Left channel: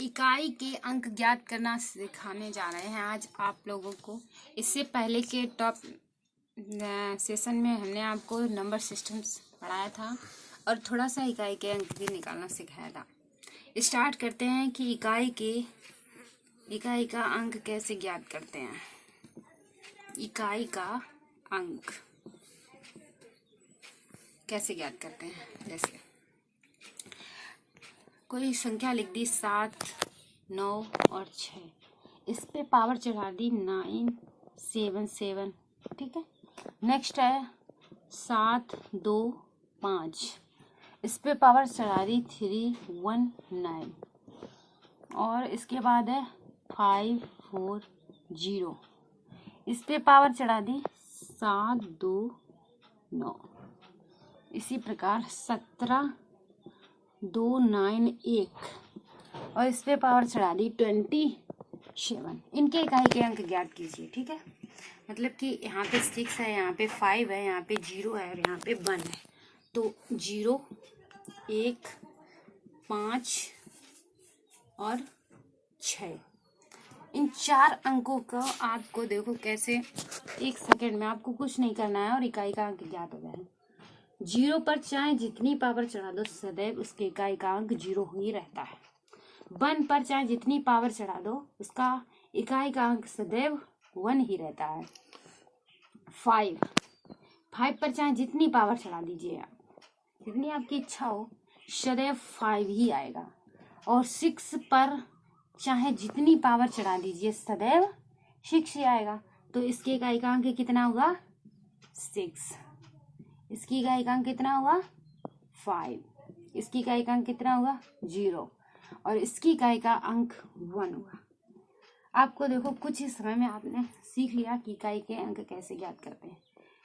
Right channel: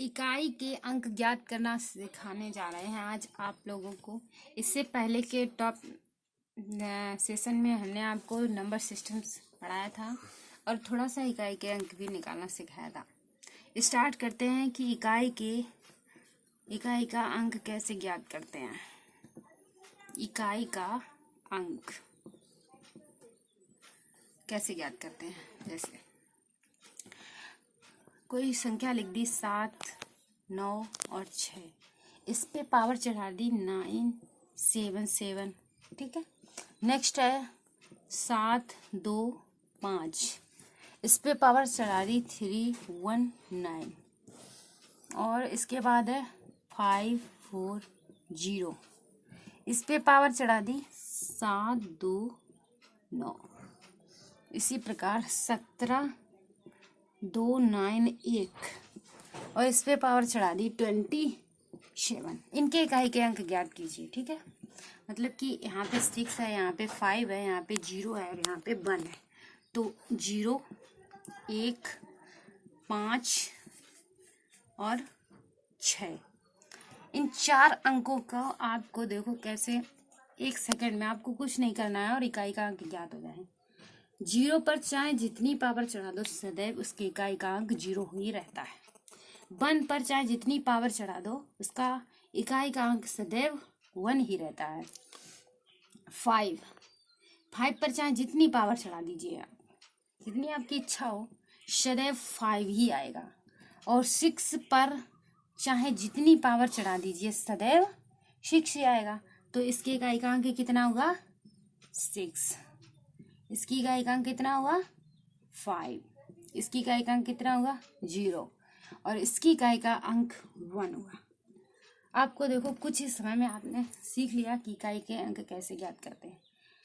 इकाई के अंक ज्ञात करना सिखाने जा रहे हैं आज आप लोगों को। इससे पहले के टॉप सेशन में हमने आपको नंबर सिस्टम्स पढ़ाया था और थोड़ा सा इकाई के अंक भी निकालना सिखाया था। स्टार्ट करते हैं कि इकाई का अंक कैसे ज्ञात करते हैं। इकाई का अंक कैसे ज्ञात करते हैं, जैसे कोई संख्या लिख दी 7, 9 और 6, इस पे पावर चढ़ा दी 9, 7, 7, ठीक है। नेक्स्ट है 7, 2, 5, इस पे पावर चढ़ा दी 3, 1, 9 और इसके बाद है 5, 4, 0, इस पे पावर चढ़ा दी 7, 2, 9। इसी प्रकार 17, 2, 9, 1 और इस पे पावर चढ़ा दी 27। इनके इकाई के अंक ज्ञात कीजिए, ठीक है। मतलब कि यहाँ पे 6 है, यहाँ पे 5 है, यहाँ पे 0 है और यहाँ पे 1 है। तो 0, 1, 5 और 6, इन 4 अंकों का आपको देखो कैसे 1 सेकेंड में आपको कुछ नहीं करना है और इकाई का अंक ज्ञात हो जाए। 0 पर चाहे जितनी पावर चढ़ा दो सदैव उसके इकाई का अंक 0 ही रहता है। 1 पर चाहे जितनी पावर चढ़ा दो उसका इकाई का अंक सदैव 1 ही रहता है। 5 पर चाहे जितनी पावर चढ़ा दीजिए आप, जितनी आपकी इच्छा हो, सदैव 5 ही आएगा। और 6 पर चाहे जितनी पावर चढ़ा दीजिए सदैव 6 ही आएगा। तो इसके इकाई का अंक कितना होगा? 6। इसकी इकाई का अंक कितना होगा? 5। इसकी इकाई का अंक कितना होगा? 0 और इसकी इकाई का अंक 1 होगा। आपको देखो कुछ ही समय में आपने सीख लिया कि इकाई के अंक कैसे ज्ञात करते हैं।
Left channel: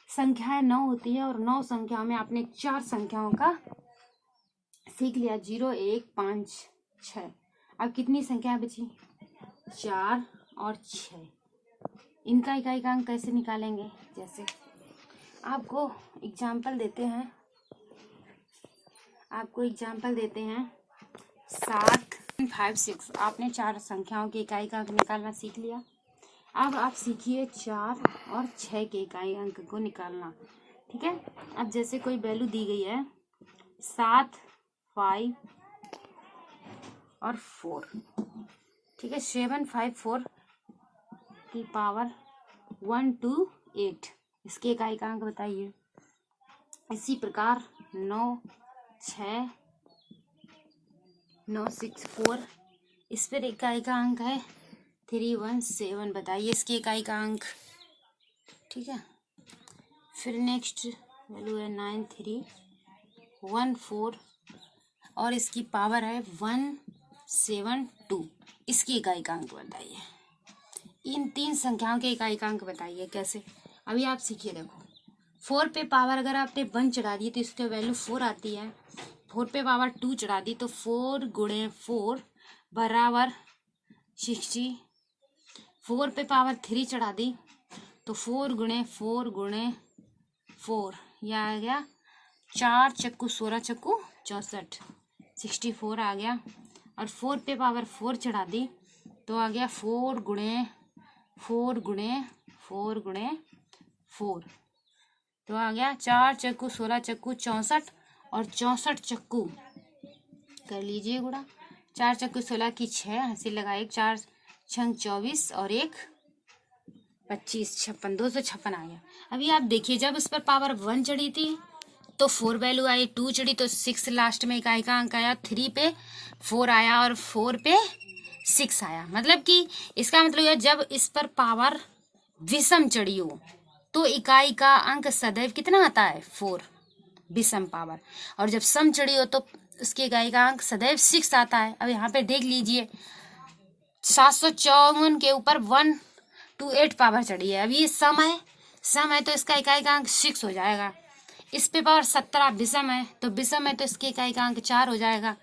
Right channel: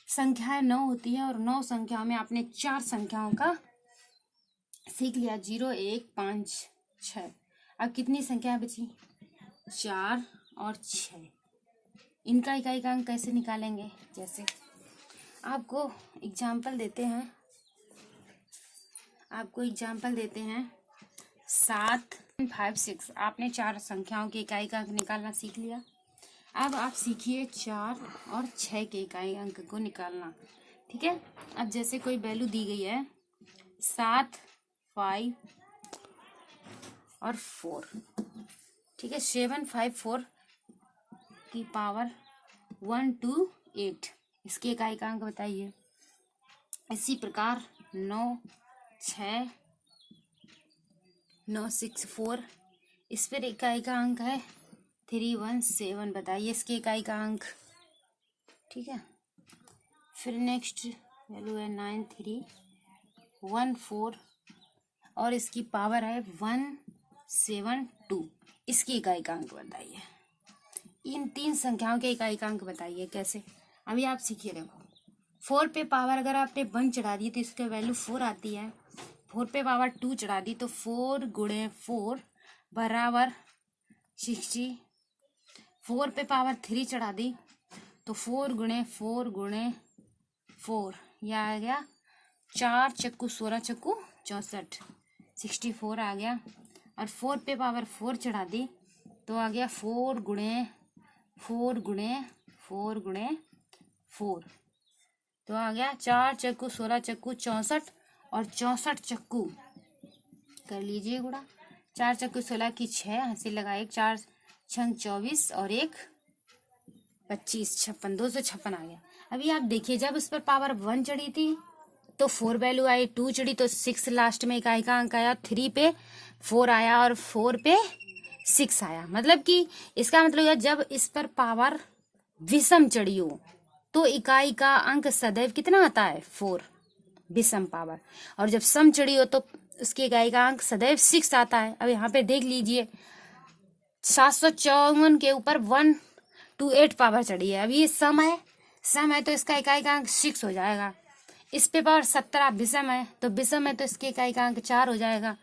संख्याएं 9 होती है और 9 संख्याओं में आपने 4 संख्याओं का सीख लिया, 0, 1, 5, 6। अब कितनी संख्या बची? 4 और 6। इनका इकाई का अंक कैसे निकालेंगे? जैसे आपको एग्जाम्पल देते हैं 7, 5, 6। आपने 4 संख्याओं की इकाई का अंक निकालना सीख लिया। अब आप सीखिए 4 और 6 के इकाई अंक को निकालना, ठीक है। अब जैसे कोई वैल्यू दी गई है 7, 5 और 4, ठीक है। 7, 5, 4 की पावर 1, 2, 8, इसके इकाई का अंक बताइए। इसी प्रकार 9, 6, 9, 6, 4, इस पर इकाई का अंक है 3, 1, 7, बताइए इसकी इकाई का अंक, ठीक है। फिर नेक्स्ट वैल्यू है 9, 3, 1, 4 और इसकी पावर है 1, 7, 2, इसकी इकाई का अंक बताइए। इन 3 संख्याओं के इकाई का अंक बताइए कैसे। अभी आप सीखिए, देखो 4 पे पावर अगर आपने 1 चढ़ा दी तो इसकी वैल्यू 4 आती है। 4 पे पावर 2 चढ़ा दी तो 4 गुणे 4 बराबर 60। 4 पे पावर 3 चढ़ा दी तो 4 गुणे 4 गुणे 4, यह आ गया 4 चक्कू 16 चक्कू 64, 64 आ गया। और 4 पे पावर 4 चढ़ा दी तो आ गया 4 गुणे 4 गुणे 4 गुणे 4, तो आ गया 4 चक्कू 16 चक्कू 64 और 64 चक्कू कर लीजिए गुणा। 4 चक्कू 16 की 6, हंसी लगाए, 4 छंग 24 और 1 25, 56, 256 आ गया। अभी आप देखिए जब इस पर पावर 1 चढ़ी थी तो 4 वैल्यू आई, 2 चढ़ी तो 6 लास्ट में इकाई का अंक आया, 3 पे 4 आया और 4 पे 6 आया। मतलब कि इसका मतलब है जब इस पर पावर विषम चढ़ी हो तो इकाई का अंक सदैव कितना आता है? 4 विषम पावर। और जब सम चढ़ी हो तो उसकी इकाई का अंक सदैव 6 आता है। अब यहाँ पे देख लीजिए 754 के ऊपर 128 पावर चढ़ी है। अब ये सम है तो इसका इकाई का अंक 6 हो जाएगा। इस पे पावर 17 विषम है तो इसकी इकाई का अंक 4 हो जाएगा।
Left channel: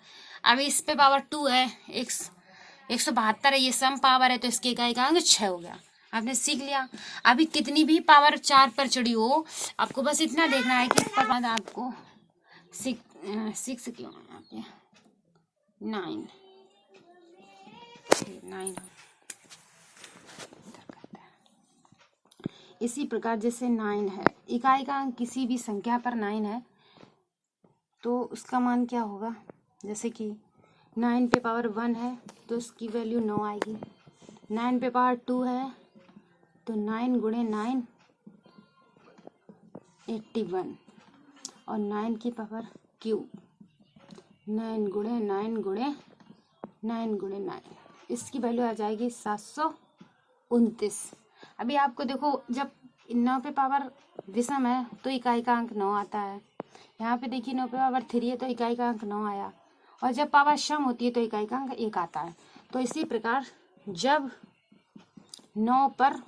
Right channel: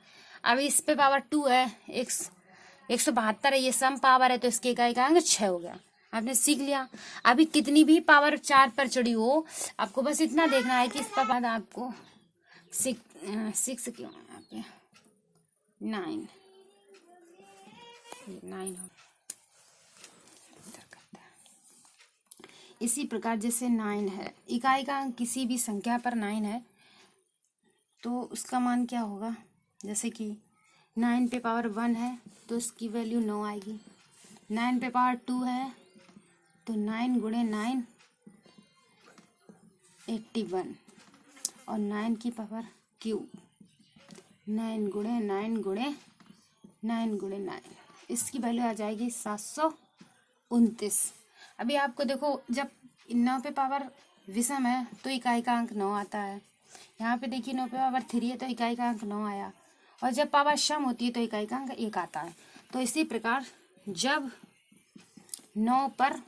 अब इस पे पावर 2 है, 172 है, ये सम पावर है तो इसकी इकाई का अंक 6 हो गया। आपने सीख लिया। अभी कितनी भी पावर 4 पर चढ़ी हो आपको बस इतना देखना है कि इसके बाद आपको 6 क्यों यहाँ पे 9 9 इसी प्रकार जैसे 9 है, इकाई का अंक किसी भी संख्या पर 9 है तो उसका मान क्या होगा। जैसे कि 9 पे पावर 1 है तो उसकी वैल्यू 9 आएगी। 9 पे पावर 2 है तो 9 गुणे 9 81 और 9 की पावर क्यूब 9 गुणे 9 गुणे 9 गुणे 9 इसकी वैल्यू आ जाएगी 729। अभी आपको देखो जब 9 पे पावर विषम है तो इकाई का अंक 9 आता है। यहाँ पे देखिए 9 पे पावर 3 है तो इकाई का अंक 9 आया और जब पावर सम होती है तो इकाई का अंक 1 आता है। तो इसी प्रकार जब 9 पर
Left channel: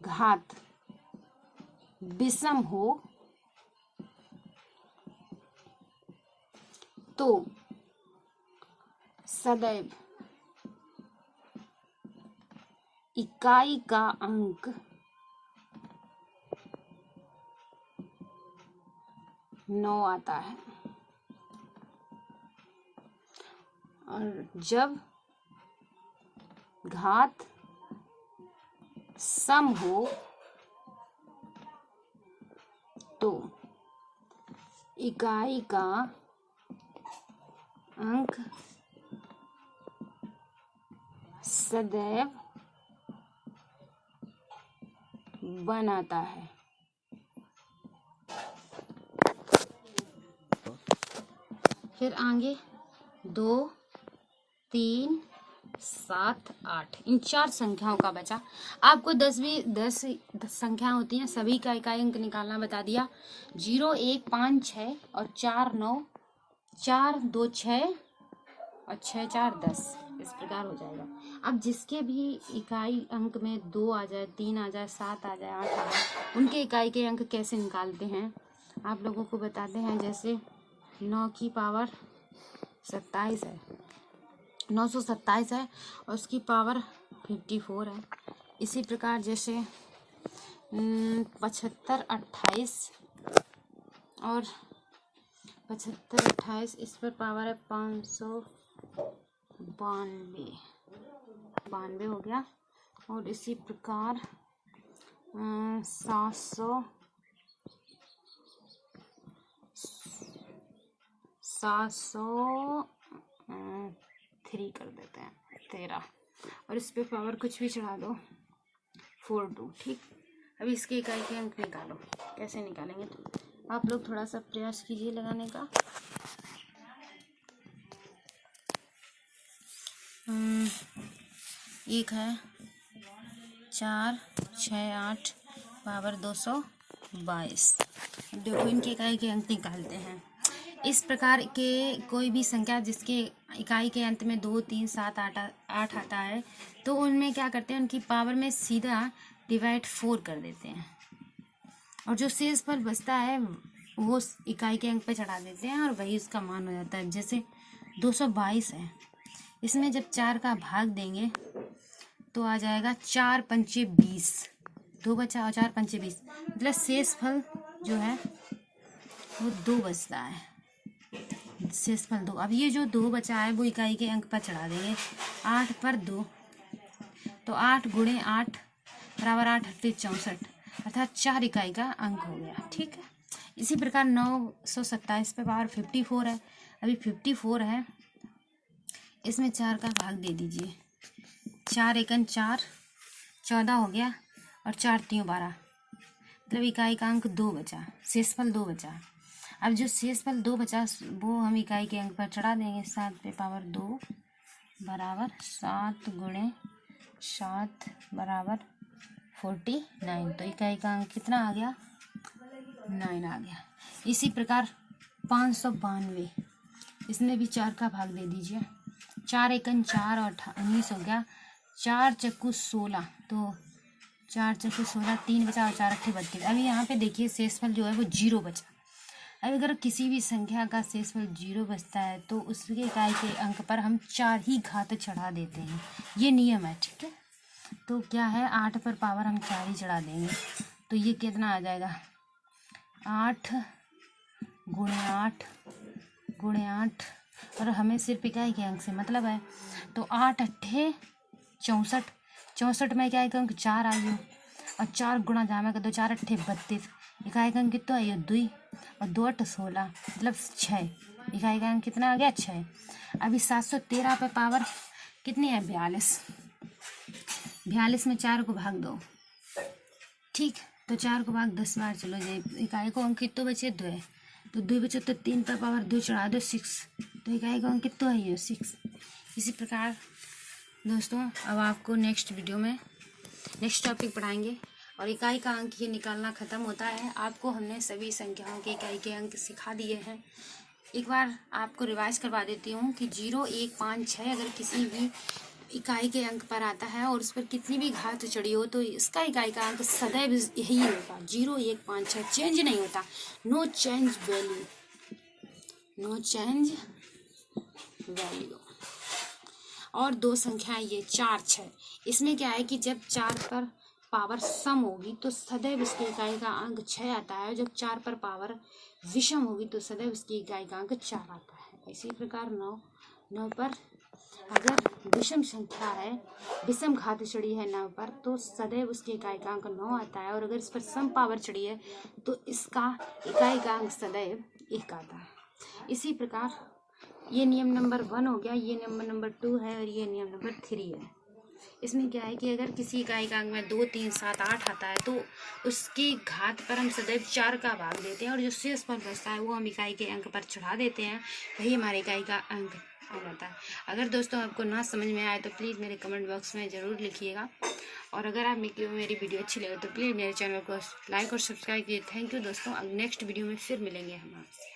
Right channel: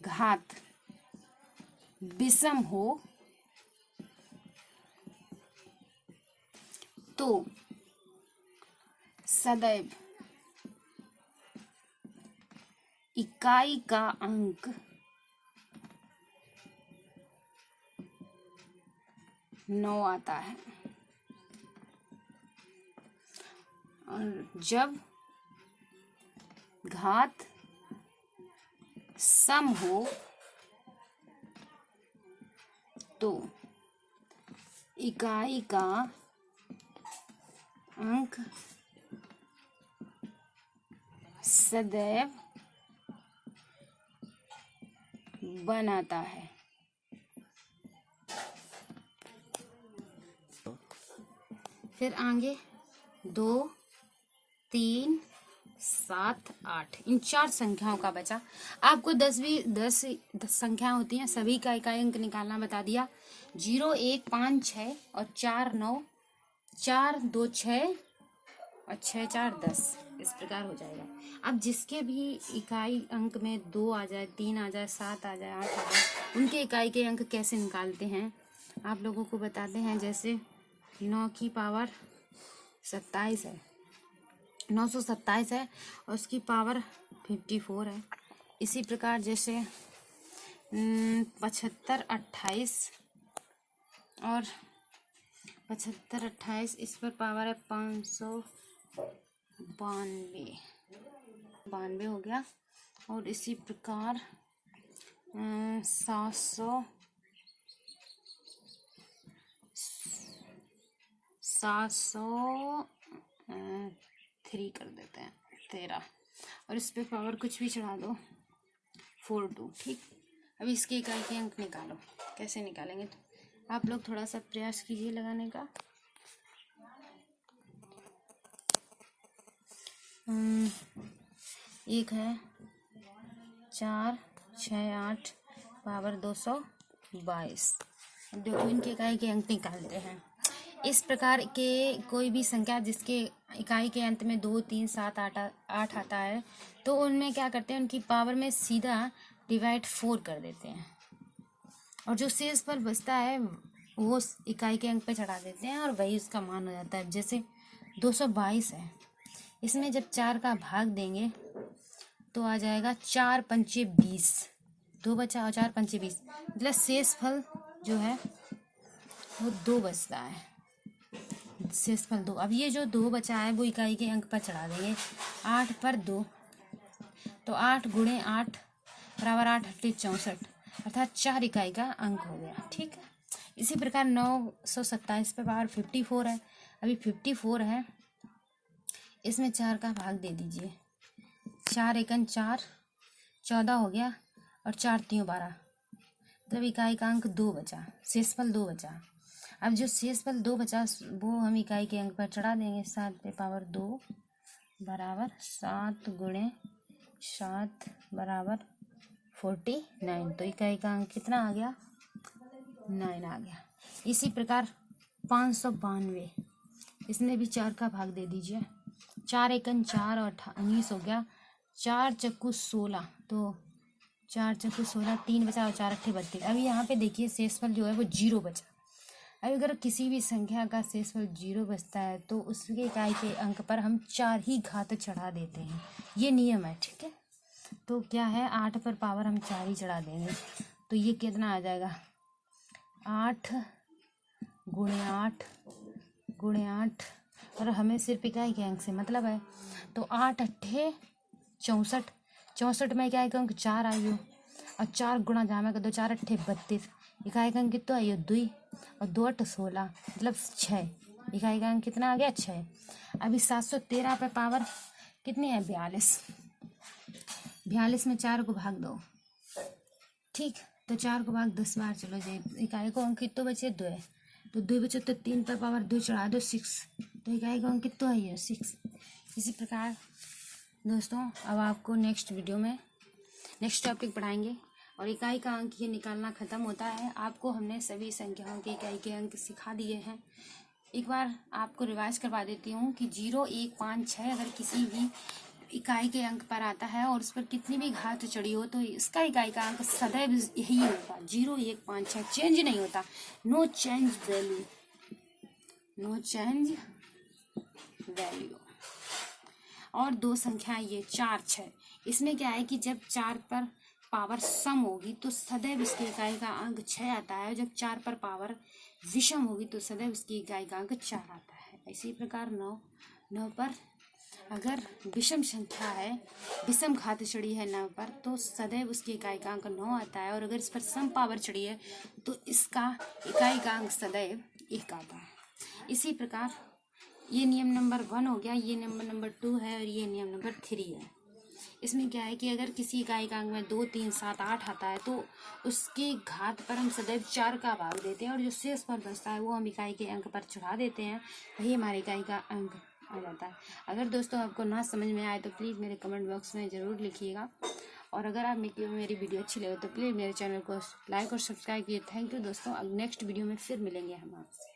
घात विषम हो तो सदैव इकाई का अंक 9 आता है और जब घात सम हो तो इकाई का अंक सदैव बनाता है। फिर आगे 2, 3, 7, 8 इन 4 संख्याओं का बचा। आपको 10 संख्या होती हैं सभी का इकाई अंक निकालना बता दिया। 0, 1, 5, 6 और 4, 9, 4, 2, 6 और 6, 4, 10 इस प्रकार हो जाएगा। अब जिसके भी इकाई अंक में 2 आ जाए, 3 आ जाए, 7 आ जाए, 8 आ जाए, उनके इकाई के अंक कैसे निकालते हैं आप लोगों को बताते हैं। जैसे 9 की पावर 27 है, 927 है और उसकी पावर 54 है। इसी प्रकार जैसे 75, 28 और 75, 28 इस पर पावर है 592 हो गया। और इसी प्रकार 703 कर देते हैं 13 और इस पे पावर कुछ भी चढ़ा दो 42। ठीक, अभी इसके इकाई के अंक निकालो। कैसे निकालेंगे तो आप लोग थोड़ा सा प्रयास कीजिए लगाने का। एक है 4, 6, 8 पावर 222। देखो इनके इकाई के अंक निकालते हैं। इस प्रकार के कोई भी संख्या जिसके इकाई के अंत में 2, 3, 7, 8 आता है तो उनमें क्या करते हैं, उनकी पावर में सीधा डिवाइड 4 कर देते हैं और जो शेष फल बचता है वो इकाई के अंक पे चढ़ा देते हैं और वही उसका मान हो जाता है। जैसे 222 है, इसमें जब 4 का भाग देंगे तो आ जाएगा 4 पंचे 20, 2 बचा और 4 पंचे 20 मतलब शेष फल जो है वो 2 बचता है। शेष फल 2। अब ये जो 2 बचा है वो इकाई के अंक पर चढ़ा देंगे। 8 पर 2 तो 8 गुणे 8 बराबर 8 8 64 अर्थात 4 इकाई का अंक हो गया। ठीक है, इसी प्रकार 927 पे पावर 54 है। अभी 54 है, इसमें 4 का भाग दे दीजिए। 4 एकन 4 14 हो गया और 4 3 12 मतलब इकाई का अंक 2 बचा, शेषफल 2 बचा। अब जो शेषफल 2 बचा वो हम इकाई के अंक पर चढ़ा देंगे। 7 पे पावर 2 बराबर 7 गुणे 7 बराबर 49 तो इकाई का अंक कितना आ गया, 9 आ गया। इसी प्रकार 592 इसमें भी 4 का भाग दे दीजिए। 4 एकन 4 और 19 हो गया। 4 चक्कू 16 तो 4 चक्कू 16 3 बचा और 4 अट्ठे 32। अभी यहाँ पे देखिए शेषफल जो है वो 0 बचा। अब अगर किसी भी संख्या का शेषफल 0 बचता है तो उसके इकाई के अंक पर हम 4 ही घात चढ़ा देते हैं, ये नियम है। ठीक है, तो क्या है 8 पर पावर हम 4 ही चढ़ा देंगे तो ये कितना आ जाएगा 8 गुणे 8 गुणे 8 और हमें सिर्फ इकाई के अंक से मतलब है। तो 8 अट्ठे 64, 64 में इकाई का अंक 4 आयु और 4 गुणा जामे का 2 4 अट्ठे 32, इकाई का अंक कितना आयु 2 और 2 8 16 मतलब 6, इकाई का अंक कितना आ गया 6। अभी 713 पे पावर कितनी है 42, 42 में 4 को भाग दो, ठीक। तो 4 को भाग 10 बार चलो जाए, इकाई को अंक कितना बचे 2 है, तो 2 बचे तो 3 पर पावर 2 चढ़ा दो 6, तो इकाई का अंक कितना है ये 6। इसी प्रकार दोस्तों अब आपको नेक्स्ट वीडियो में नेक्स्ट टॉपिक पढ़ाएंगे और इकाई का अंक ये निकालना ख़त्म होता है। आपको हमने सभी संख्याओं के इकाई के अंक सिखा दिए हैं। एक बार आपको रिवाइज करवा देती हूँ कि 0 1 5 6 अगर किसी भी इकाई के अंक पर आता है और उस पर कितनी भी घात चढ़ी हो तो इसका इकाई का अंक सदैव यही होगा 0 1 5 6, चेंज नहीं होता, no change value, no change value. और दो संख्याएं ये 4 6, इसमें क्या है कि जब 4 पर पावर सम होगी तो सदैव इसकी इकाई का अंक 6 आता है, जब 4 पर पावर विषम होगी तो सदैव इसकी इकाई का अंक 4 आता है। इसी प्रकार 9 पर अगर विषम संख्या है, विषम घात चढ़ी है 9 पर तो सदैव उसकी इकाई का अंक 9 आता है, और अगर इस पर सम पावर चढ़ी है तो इसका इकाई का अंक सदैव 1 आता है। इसी प्रकार ये नियम नंबर 1 हो गया, ये नियम नंबर 2 है और ये नियम नंबर 3 है। इसमें क्या है कि अगर किसी इकाई का अंक में 2 3 7 8 आता है तो उसकी घात पर हम सदैव 4 का भाग देते हैं और जो शेष पर बचता है वो हम इकाई के अंक पर चढ़ा देते हैं, वही हमारी इकाई का अंक आ जाता है। अगर दोस्तों आपको ना समझ में आए तो प्लीज़ मेरे कमेंट बॉक्स में ज़रूर लिखिएगा, और अगर आप मेरी वीडियो अच्छी लगे तो प्लीज़ मेरे चैनल को लाइक और सब्सक्राइब कीजिए। थैंक यू दोस्तों, अब नेक्स्ट वीडियो में फिर मिलेंगे हम आपसे।